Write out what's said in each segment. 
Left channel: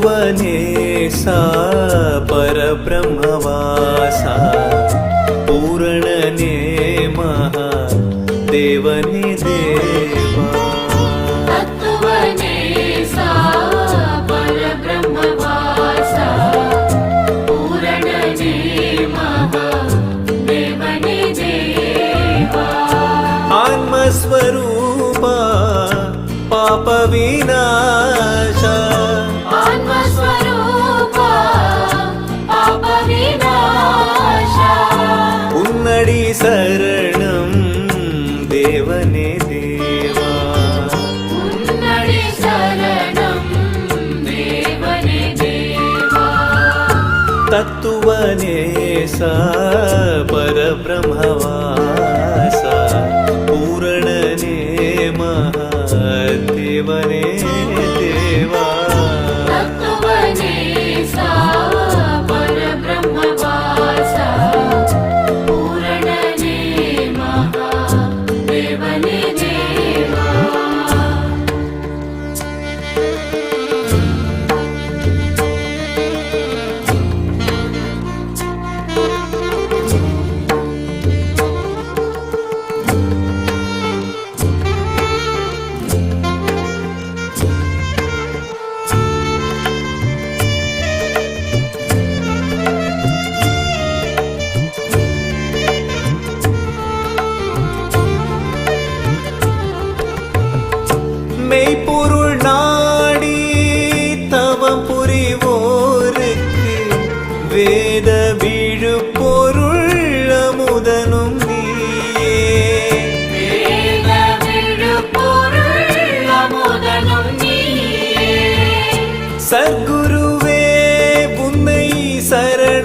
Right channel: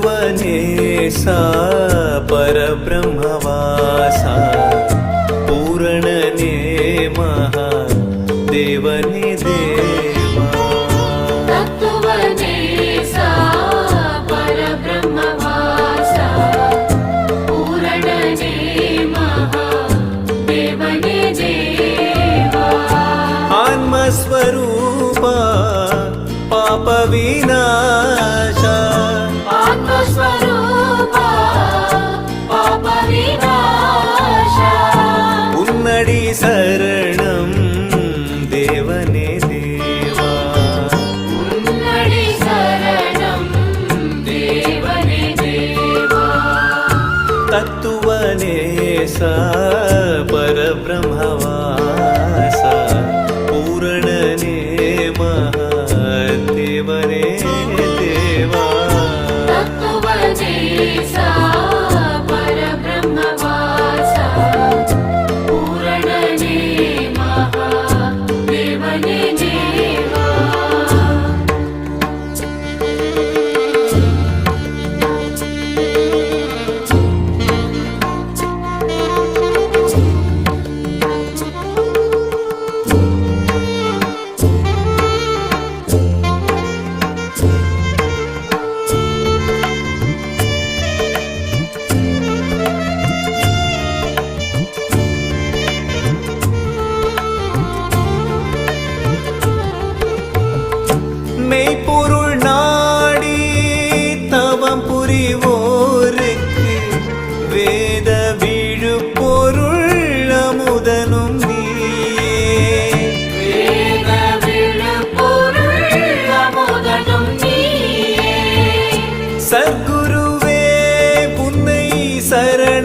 तत्त्वनेसा परब्रह्मवासा पूरणने महादेवने देवा तत्त्वनेसा परब्रह्मवासा पूरणने महादेवने देवा आत्मस्वरूपा पापविनाशा उन्नडी शरणं देवने देवा तत्त्वनेसा परब्रह्मवासा पूरणने महादेवने देवा மெய்ப்பொருள் நாடி தவம் புரிவோருக்கு வேத விழுப்பொருள் அமுதனும் நீயே சத்குருவே உன்னை சரணடைந்தோருக்கு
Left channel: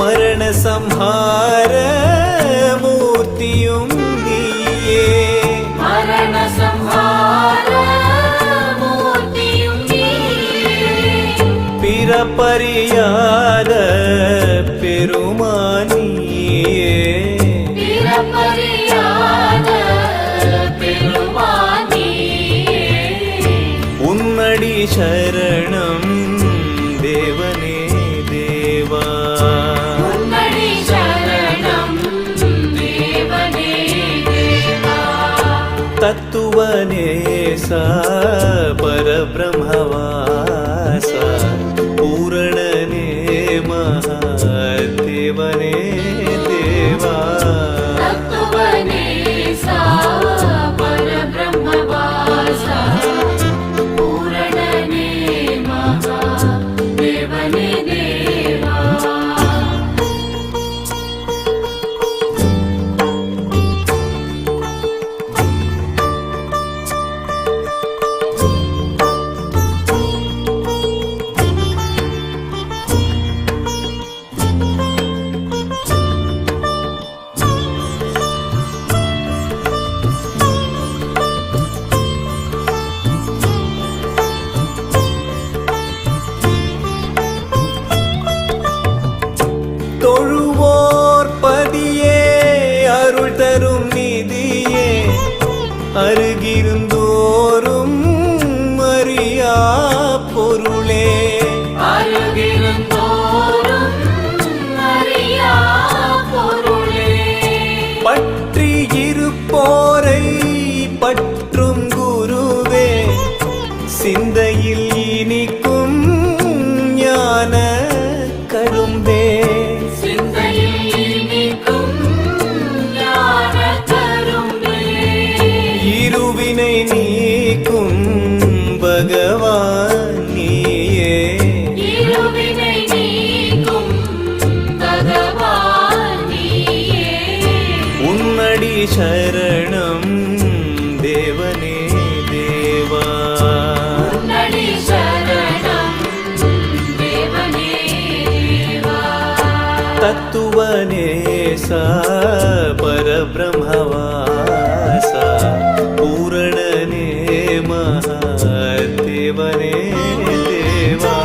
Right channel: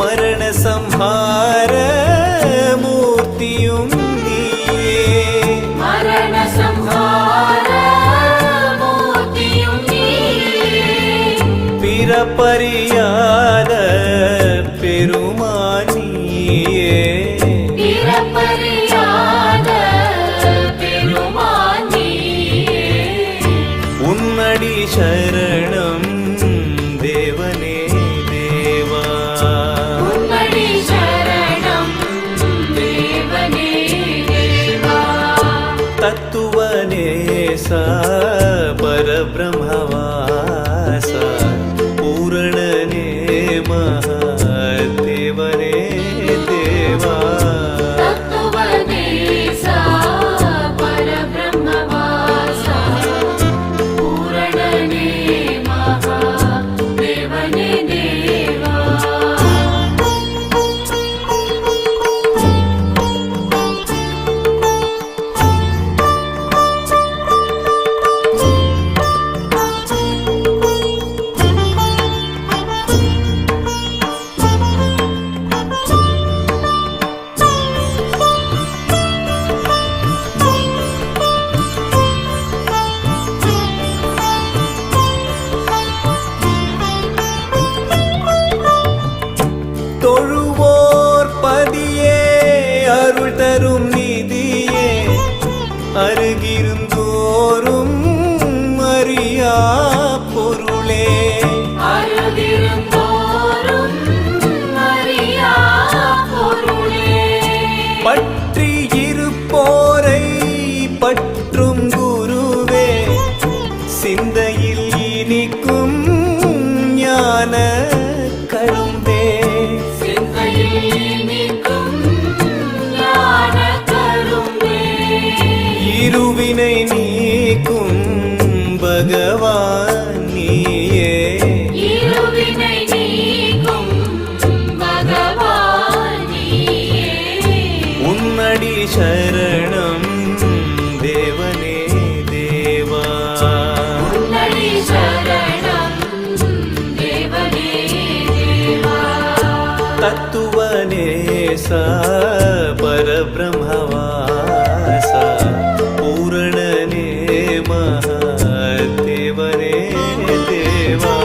மரண சம்ஹார மூர்த்தியும் நீயே பிறப்பறியாத பெருமானியே உன்னடி சரணம் தேவனே தேவா तत्त्वनेसा परब्रह्मवासा पूरणने महादेवने देवा தொழுவோர் பதியே அருள் தரும் நிதியே அருகிருந்தோறும் அறியா பொருளே பற்றி இருப்போரை பற்றும் குருவே சிந்தையில் இனிக்கும் ஞான கரும்பே இருவினை நீக்கும் பகவான் நீயே உன்னடி சரணம் தேவனே தேவா तत्त्वनेसा परब्रह्मवासा पूरणने महादेवने देवा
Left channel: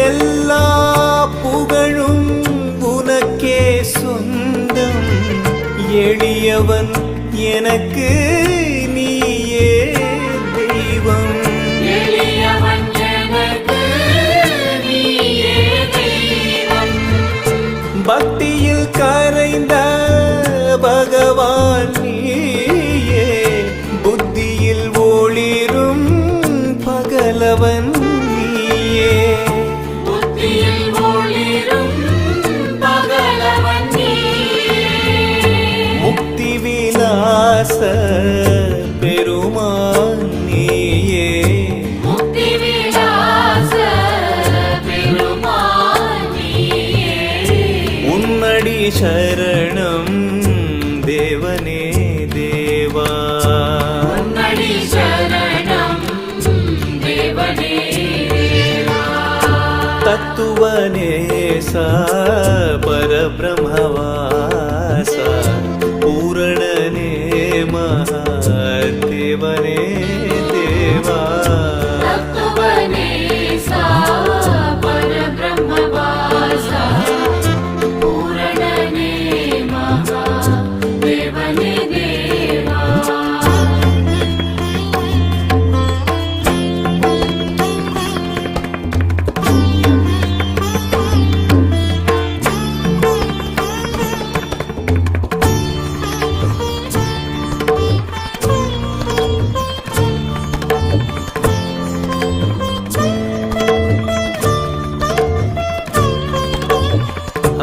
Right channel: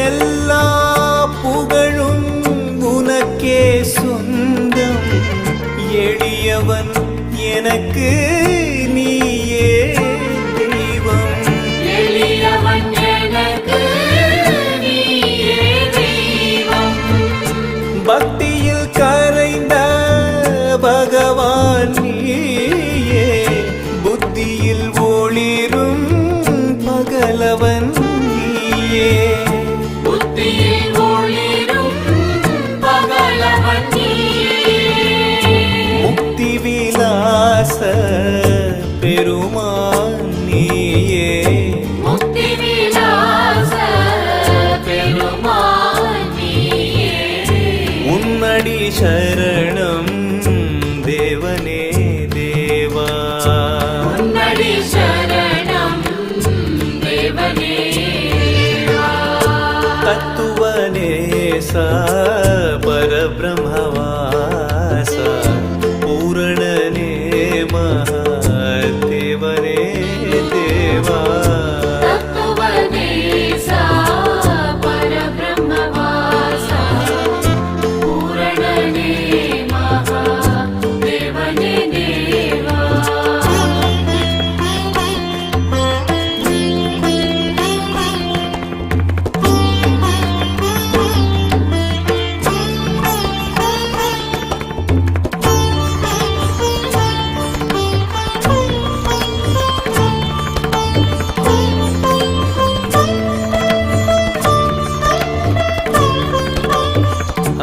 எல்லா புகழும் உனக்கே சொந்தம். எளியவன் எனக்கு நீயே தெய்வம். எளியவன் எனக்கு நீயே தெய்வம். பக்தியில் கரைந்த பகவான் நீயே, புத்தியில் ஒளிரும் பகலவன் நீயே. புத்தியில் ஒளிரும் பகலவன் நீயே. முக்தி விலாச பெருமான் நீயே. முக்தி விலாச பெருமான் நீயே. உன்னடி சரணம் தேவனே தேவா. உன்னடி சரணம் தேவனே. தத்துவநேசா பரபிரம்மவாசா பூரணனே மகாதேவனே தேவா. தத்துவநேசா பரபிரம்மவாசா பூரணனே மகாதேவனே தேவா.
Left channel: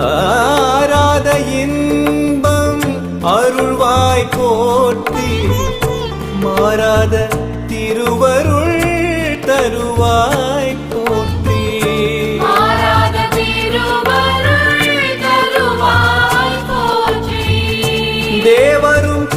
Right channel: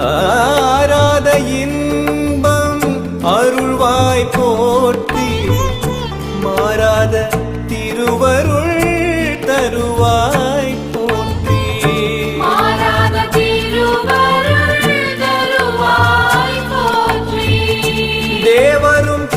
ஆராத இன்பம் அருள்வாய் போற்றி, மாறாத திருவருள் தருவாய் போற்றி. மாறாத திருவருள் தருவாய் போற்றி. தேவரும்